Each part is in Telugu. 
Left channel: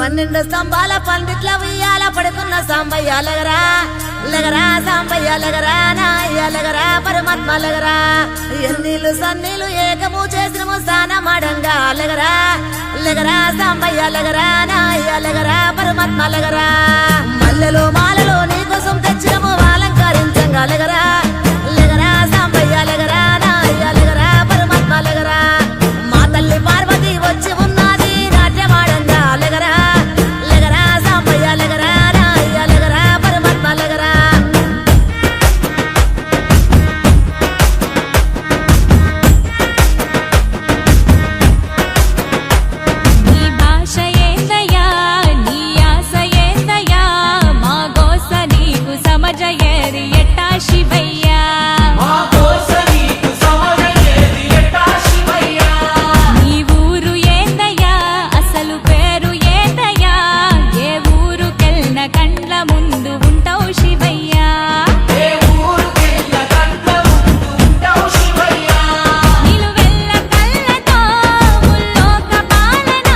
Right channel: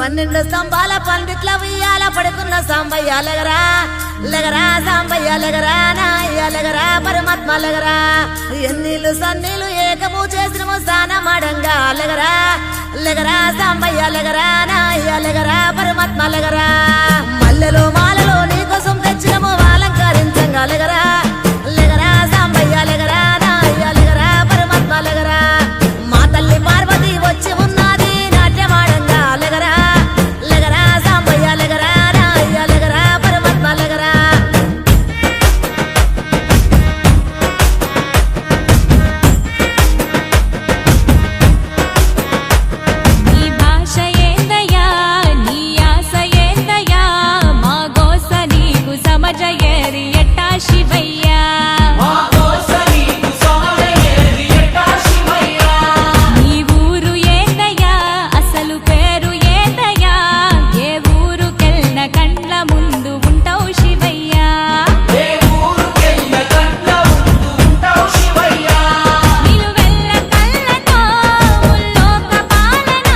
12 స్తంభాల పందిట్ల ఉయ్యాల పడుకున్న సాంబయ్య లగరా లగరా సాంబయ్య లగరా నాయ్య లగరా పరమాత్మ లగరా ఎన్నీళ్ళు సన్నీళ్ళు ఏకము చేసినము సానమాడంగా లగరా లగరా సాంబయ్య లగరా నాయ్య లగరా పరమాత్మ లగరా మల్లెలు మాలలు నీకోసం తెచ్చినము అలంకరించంగా లగరా లగరా సాంబయ్య లగరా నాయ్య లగరా పరమాత్మ లగరా మా తల్లి పార్వతి వచ్చి ఉన్నది నాట్యమాడంగా లగరా లగరా సాంబయ్య లగరా నాయ్య లగరా పరమాత్మ లగరా నీ భాష ఏందయ్యా నీ ఆశ ఏందయ్యా మా గోస నీకు సమజయేది ఎట్టా శివయ్యా నీ ఊరు ఏందయ్యా అసలు పేరు ఏందయ్యా ఏ ఊరుకెళ్ళిన కండ్ల ముందు ఉంటావు శివయ్యా నిలువెల్ల కళ్ళతో ముల్లోక పాలన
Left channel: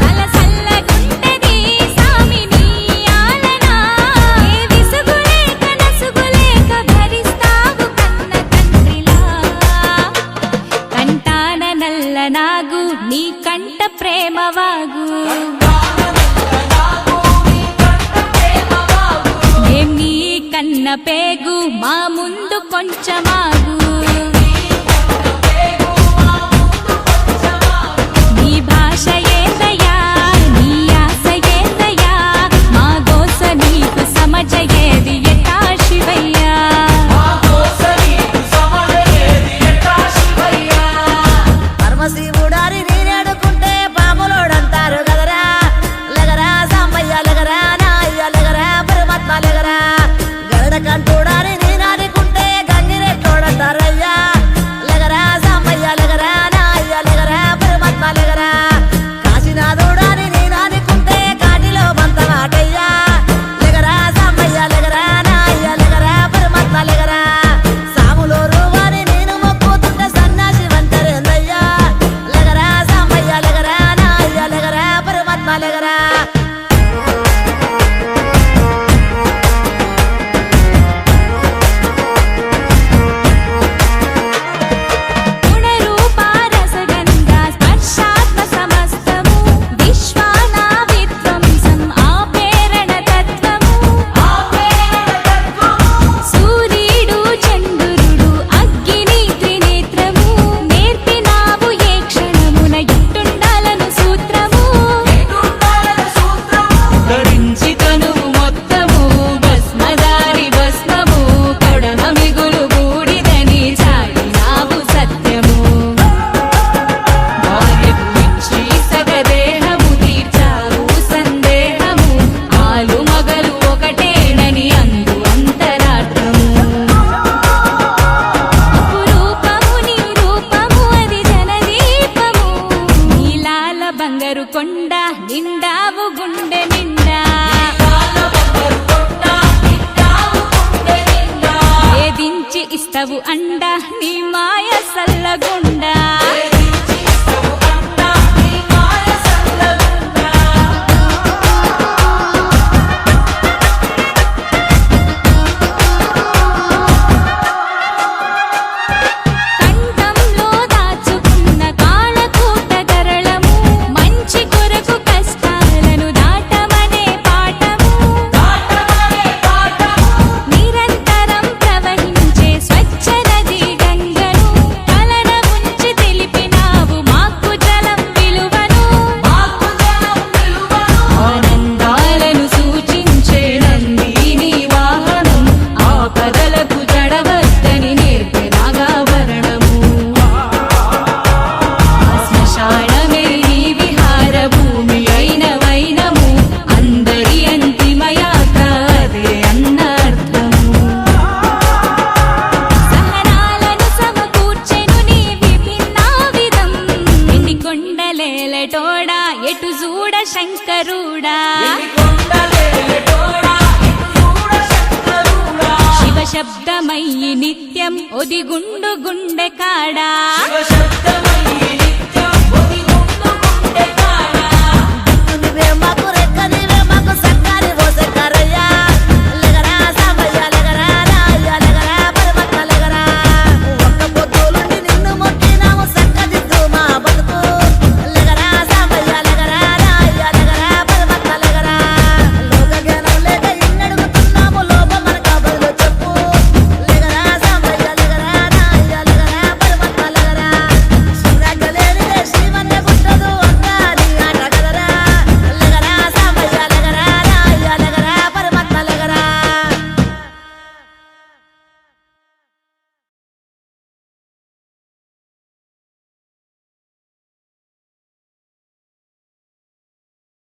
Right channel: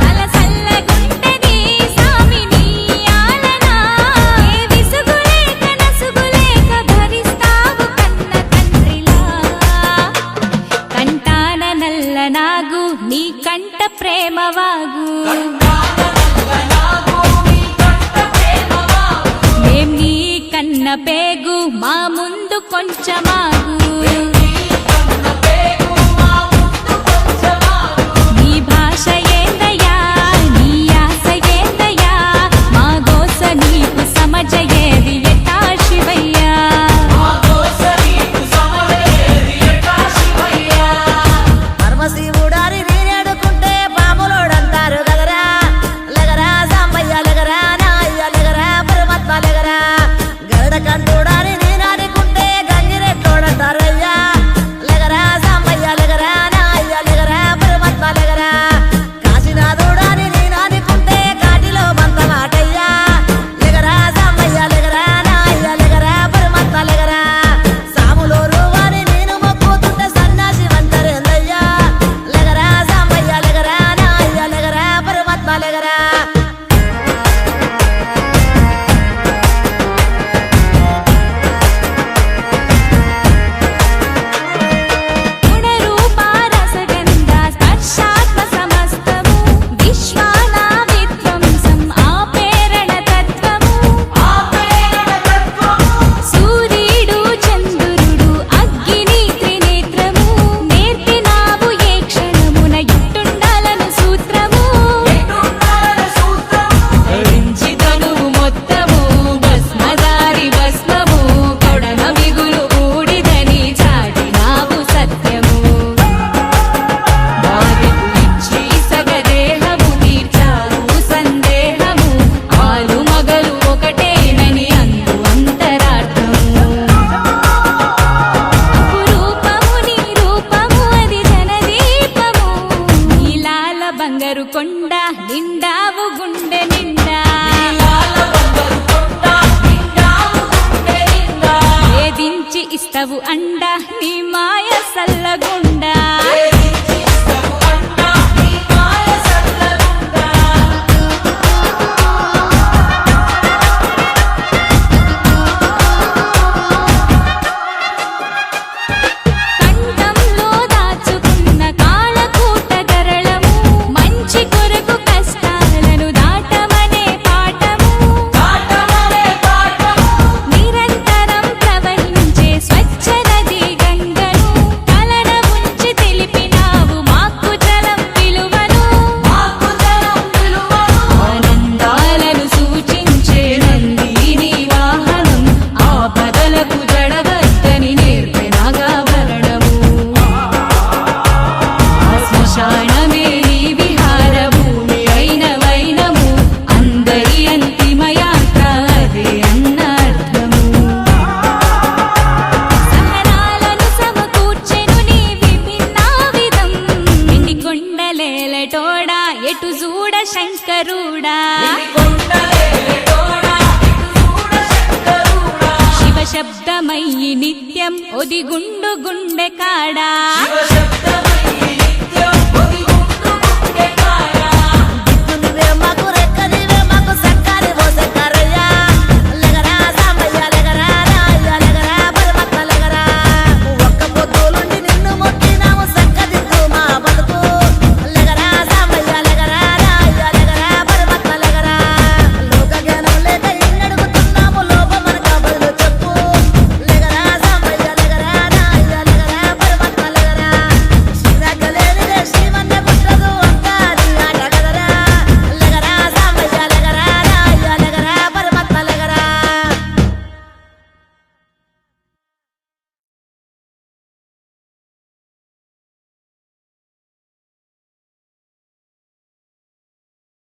సలసల్లగుంటది సామి నీ ఆలన ఏ విసుగులేక నసుగులేక భరిస్తావు కన్న తండ్రిలా కంటాన నల్ల నాగు నీ కంట ప్రేమవాగు మేం నీ కన్న పేగు మా ముందు కొంచెమాగు నీ భాష ఏందయ్యా నీ ఆశ ఏందయ్యా మా గోస నీకు సమజయేది ఎట్టా శివయ్యా పరమశివుడారి నీరేడుకుంటే పాములోడంటారు కదరా లగరా సాంబయ్య లగరా నాయ్య లగరా పరమాత్మ లగరా గరుడ కంటూడారి నీనాడుకుంటే గంగిరెట్టోడంటారయ్యా లగరా సాంబయ్య లగరా నాయ్య లగరా పరమాత్మ లగరా కాశీనాథుడాని నీనాడుకుంటే కాటిలో మంతమాటయ్యా లగరా సాంబయ్య లగరా నాయ్య లగరా పరమాత్మ లగరా సాములో రూవాని నేను మొక్కుతుంటే సన్నాసి వంటరేందయ్యా లగరా సాంబయ్య లగరా నాయ్య లగరా పరమాత్మ లగరా గుణరూపారసగంధ స్పర్శాత్మ సమస్తము విశ్వానా విధ్వంసం ఆపేరణ తత్వము సూర్యుడు చంద్రుడు అగ్ని త్రినేత్రము నేర్పినావు ఏ క్షణమున ఇట్టుండాలను సూత్రము ధరించి తనువు మొత్తము భస్మదారి భస్మము కడన మిగులు బూడిదని చాటినావు సత్యము భార్యకు ఇచ్చి సగదేహము తీర్చావు సందేహము ఆలు మగలు ఒకటేనని అందు అంతరార్థము అపురూపము నీ రూపము అది జనదీపము నీలాల బంగారు కొండ నిండావు గుండె నిండా వేధించి ఇస్తవు అండ నీ మాయ సల్లగుండా కంఠంలో దాచుకున్న కాళకూట గరళము మంచి కొరకు కష్టాలను దాటమనే పాఠము నిరంతరం ప్రవహించే స్వచ్ఛ నది గంగను కలన ఉంచి తెలిపినావు మాకు జలం విలువను ఆనందాలను సూచించే నందిని వాహనం ఆపదలకు జడవద్దని నేర్పినాగాభరణము ఆ శ్మశానమే నీ విహార భూమి అయిన వైనము అందరి అంతిమయాత్ర అదే అన్నర్థము సహనాలను సమకూర్చెను నీ విభిన్నా విధం ఎన్ని కొండలేలటోడా ఎటు చూడ శంకరుడా శివ శబ్దమయ్యి నిత్యం ఒదిగుండు గుండె కాడా దిక్కుని నీవే మాకు